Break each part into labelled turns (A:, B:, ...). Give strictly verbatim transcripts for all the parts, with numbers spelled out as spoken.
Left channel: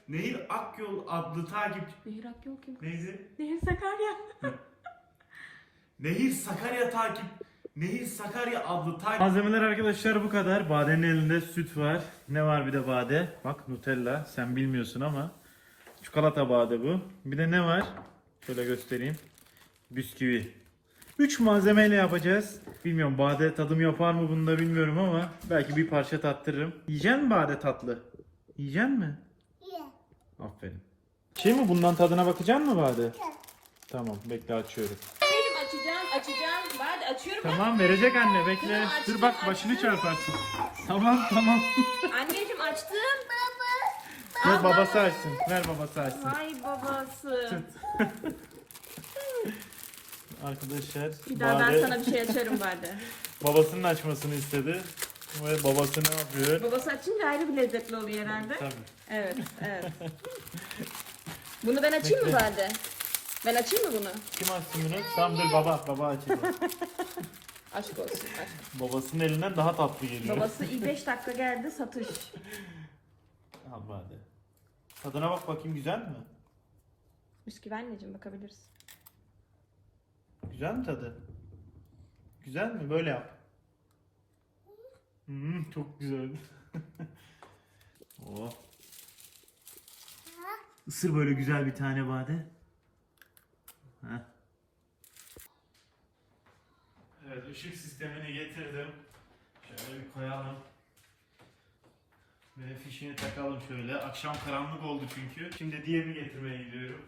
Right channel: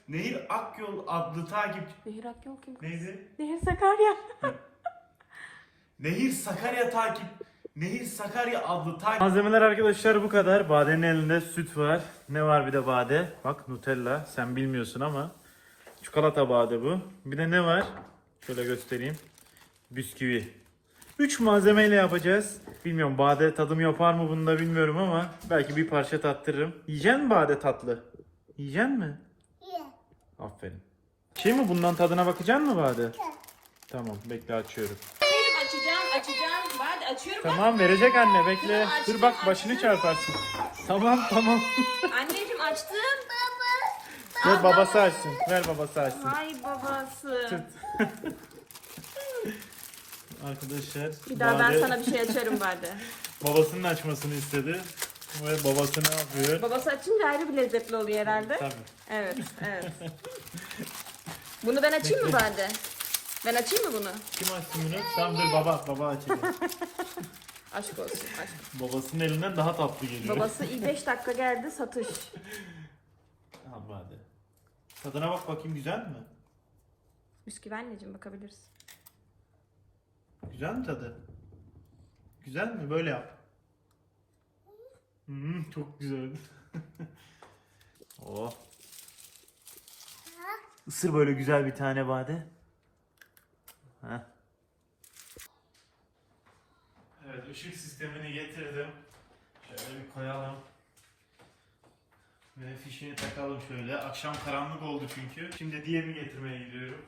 A: Nehir Akyol adlı takipçi...
B: Nehir Akyol kim?
A: Neydi?
B: Nehir Sakarya.
A: Nehir Sakarya takip... Nehir Sakarya adlı takip... Malzemeler arkadaşlar bu kadar. Bade'nin elinde süt var. Ne var bir de Bade? Bak Nutella. Sen bilmiyorsun ama. Çikolata Bade bu. Bir de ne var? Şöyle göstereyim. Bisküvi. üç malzemeyle yapacağız. Bilmiyorum Bade tadım yapar mı bunu da bilmiyorum ama belki bir parça tattırırım. Yiyecek mi Bade tatlı? Yiyecek mi? Aferin. Şey mi bundan tadına bakacaksın mı Bade? Tamam bekle açıyorum.
B: Açacağım, açacağım. Hadi açıyorum.
A: Tamam verecek anne bekle. Dur bak başını çarparsın. Tamam tamam.
B: Anneciğim açtım.
A: Ver babası açsın. Ver babası açsın.
B: Ay babası.
A: Tut. Arkadaşlar.
B: Bir daha ben
A: Bade
B: sana bir şey açarım Bade.
A: babasının açmasını istedi. Ve babası ne yapıyor?
B: Babası açınca ayrı bir lezzetli oluyor herhalde.
A: Tabii.
B: Evet, evet. Bunu ben açayım mı Bade? Ben açayım mı bunu?
A: Kim açsın bunu? Tamam dur baba. Baba açacak.
B: Aşk olsun.
A: Babasının elinden daha tatlı geliyor.
B: Babası iyi beş dakika geldi satış.
A: Tamam hadi. Tadına bak bakayım güzel mi?
B: Bisküvi anneciğim bakabiliriz.
A: Güzel mi tadı? Güzel mi? Böyle yap. Hmm, çok güzel. Oh. Isır böyle güzel bir tane Bade. Heh. Evet ışık sistemini getirdim. Şöyle bir koyalım. Ve fişini takalım şöyle. Akşam karanlık oldu çünkü. Şimdi diğerini getirmeye gidiyorum.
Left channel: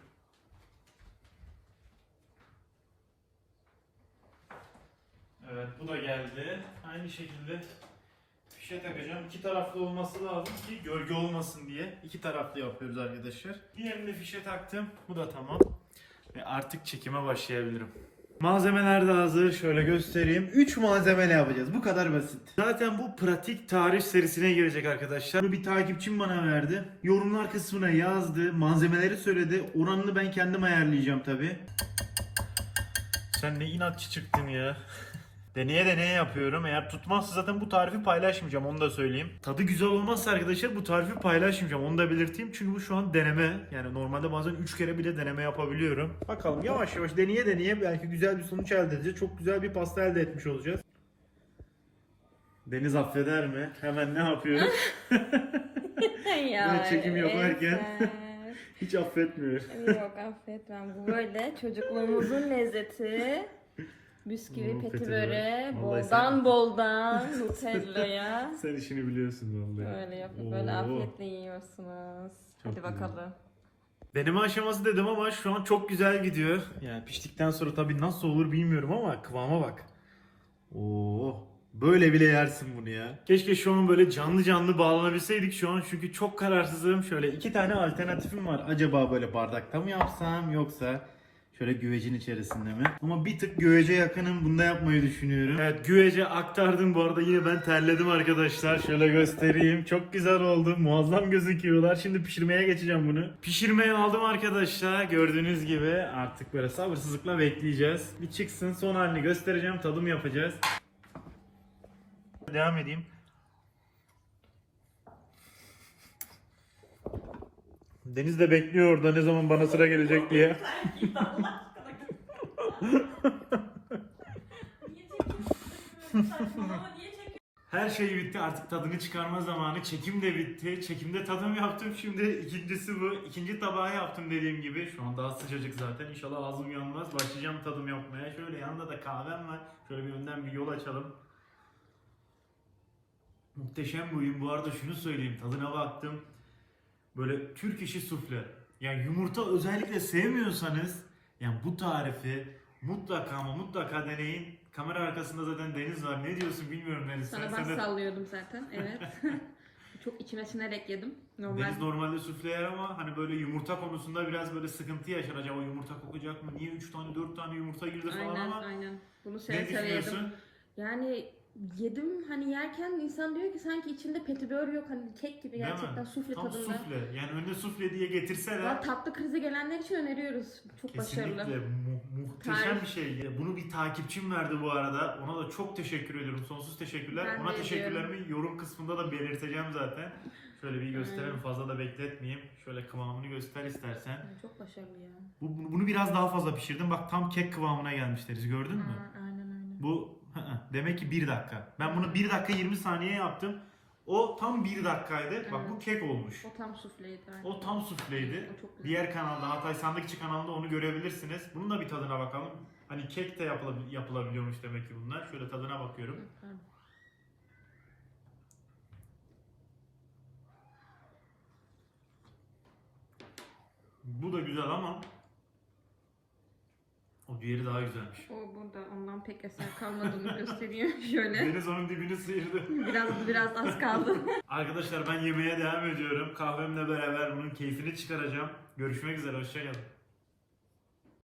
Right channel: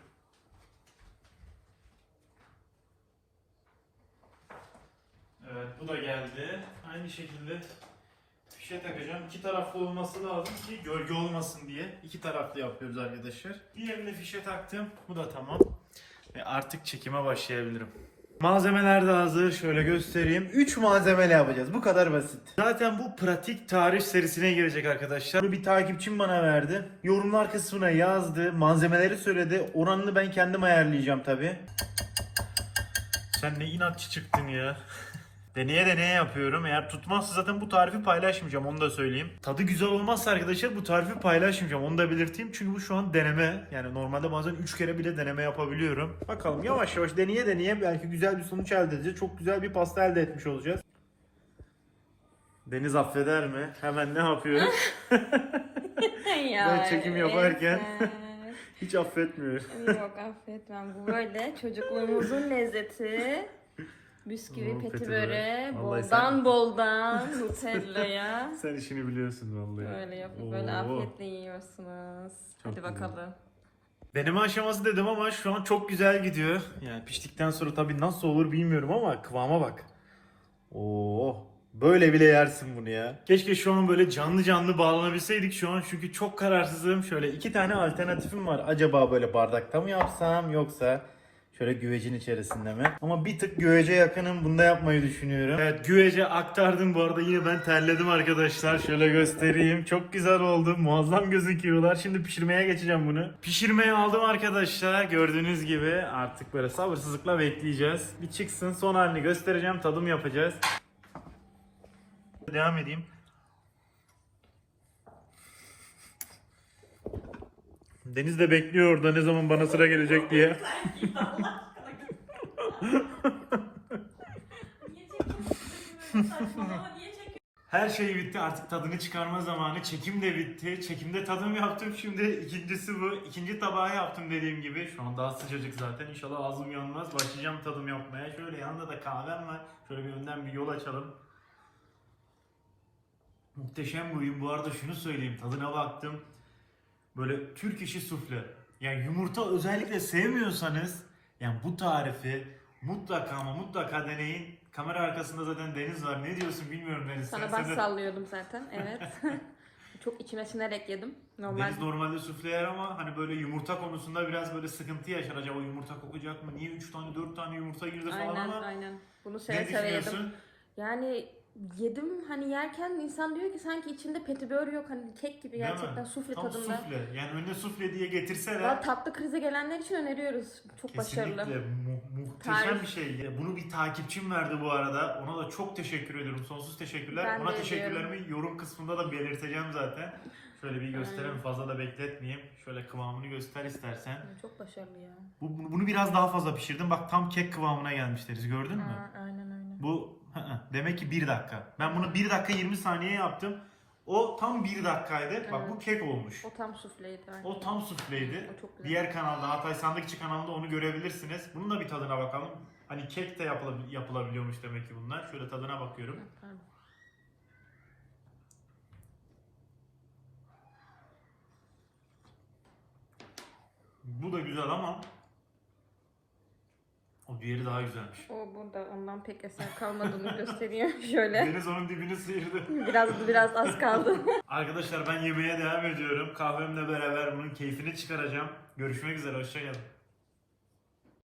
A: Evet bu da geldi. Aynı şekilde fişe takacağım. İki taraflı olması lazım ki gölge olmasın diye. İki taraflı yapıyoruz arkadaşlar. Diğerini fişe taktım. Bu da tamam. Ve artık çekime başlayabilirim. Malzemeler de hazır. Şöyle göstereyim. üç malzemeyle yapacağız. Bu kadar basit. Zaten bu pratik tarif serisine girecek arkadaşlar. Bunu bir takipçim bana verdi. Yorumlar kısmına yazdı. Malzemeleri söyledi. Oranını ben kendim ayarlayacağım tabi. Sen ne inatçı çıktın ya. Deneye deneye yapıyorum. Eğer tutmazsa zaten bu tarifi paylaşmayacağım. Onu da söyleyeyim. Tadı güzel olmazsa arkadaşlar bu tarifi paylaşmayacağım. Onu da belirteyim. Çünkü bu şu an deneme. Yani normalde bazen üç kere bile deneme yapabiliyorum. Bakalım yavaş yavaş deneye deneye belki güzel bir sonuç elde edeceğiz. Çok güzel bir pasta elde etmiş olacağız. Deniz affeder mi? Hemen ne yapıyor?
B: Ya,
A: Ben çekim yaparken
B: evet.
A: hiç affetmiyor.
B: Yok affetmem. Bu böyle çocukluğumuzun lezzeti. Bisküvi,
A: Hmm,
B: peti
A: peti
B: böreği,
A: börek. Vallahi
B: boldan
A: sen-
B: boldan Nutella'ya.
A: Sen işini biliyorsun vallahi.
B: Böyle yapıp böyle
A: Oo.
B: afiyetle yiyorsunuz.
A: Çok
B: Hadi
A: güzel.
B: bakalım.
A: Deneme aşaması dedim ama şu an çok güzel gidiyor. Yani piştikten sonra tabii nasıl olur bilmiyorum ama kıvama bak. Oo, böyle bile yersin bunu ya. Keşke şu an böyle canlı canlı bağlanabilseydik şu an çünkü çok kararsızım. Şöyle iki tane alternatifim var. Acaba böyle bardakta mı yapsam yoksa şöyle güvecin içerisinde mi? Ama bir tık güvece yakınım. Bunda yapmayı düşünüyorum. Evet güvece aktardım bu arada. Yine ben terledim arkadaşlar. Şöyle göstereyim. Çok güzel oldu. Muazzam gözüküyorlar. Şimdi pişirmeye geçeceğim bunu. Pişirmeye aldım arkadaşlar. Gördüğünüz gibi artık böyle sabırsızlıkla bekleyeceğiz. Bir çıksın son halini göstereceğim. Tadım yapacağız. Devam edeyim. Deniz de bekliyor orada ne zaman bana sıra gelecek diye. Her şey bitti artık tadını çıkarma zamanı. Çekim de bitti. Çekimde tadım yaptım. Şimdi ikincisi bu. İkinci tabağı yaptım dediğim gibi. Şu an daha sıcacık zaten. İnşallah ağzım yanmaz. Başlayacağım tadım yapmaya. Şöyle yanında da kahvem var. Şöyle bir önden bir yol açalım. Muhteşem bir oyun. Bu arada şunu söyleyeyim. Tadına baktım. Böyle Türk işi sufle. Yani yumurta özellikle sevmiyorsanız yani bu tarifi mutlaka ama mutlaka deneyin. Kamera arkasında zaten Deniz var. Ne diyorsun bilmiyorum Deniz.
B: Sana
A: Sen-
B: baş
A: sen de-
B: sallıyordum zaten. Evet. Çok içime sinerek yedim. Normal.
A: Deniz normalde sufle yer ama hani böyle yumurta konusunda biraz böyle sıkıntı yaşar. Acaba yumurta kokacak mı? Niye üç tane dört tane yumurta girdi falan
B: Aynen
A: ama
B: aynen. Bunu
A: ne
B: seve seve yedim.
A: düşünüyorsun?
B: Yani yedim hani yerken insan diyor ki sanki içinde petibör yok hani kek gibi
A: Değil
B: gerçekten
A: mi?
B: sufle
A: Tam
B: tadında.
A: sufle. Yani önüne sufle diye getirseler
B: Valla tatlı krize gelenler için öneriyoruz. Çok
A: kesinlikle
B: başarılı.
A: mu- muhteşem
B: Tarif.
A: bir şey. Ya bunu bir takipçim verdi bu arada. Ona da çok teşekkür ediyorum. Sonsuz teşekkürler.
B: Ben
A: Ona
B: de
A: teşekkürlerimi yorum kısmında da belirteceğim zaten. Şöyle bir göstereyim,
B: Aynen.
A: fazla da bekletmeyeyim. Şöyle kıvamını göster istersen.
B: Çok başarılı ya.
A: Bu, bunu bunu biraz daha fazla pişirdim. Bak tam kek kıvamına gelmişleriz. Gördün mü?
B: Aa, aynen aynen.
A: Bu hı hı, demek ki bir dakika. Ben bunu bir dakika yirmi saniye yaptım. O tam bir dakikaydı. Bak bu kek olmuş.
B: O tam sufleydi. Aynen.
A: O tam sufleydi.
B: O çok güzel.
A: Diğer kanalda, Hatay Sandıkçı kanalında onu görebilirsiniz. Bunun da bir tadına bakalım. Hani kek de yapılabil- yapılabiliyormuş demek ki bunlar. Şöyle tadına bakıyorum.
B: Hı.
A: Bu da güzel ama o diğeri daha güzelmiş.
B: O burada ondan pek eser kalmadığını gösteriyor. Şöyle.
A: Deniz onun dibini sıyırdı.
B: Biraz biraz az kaldı.
A: Arkadaşlar ben yemeğe devam ediyorum. Kahvemle beraber bunun keyfini çıkaracağım. Görüşmek üzere. Hoşçakalın.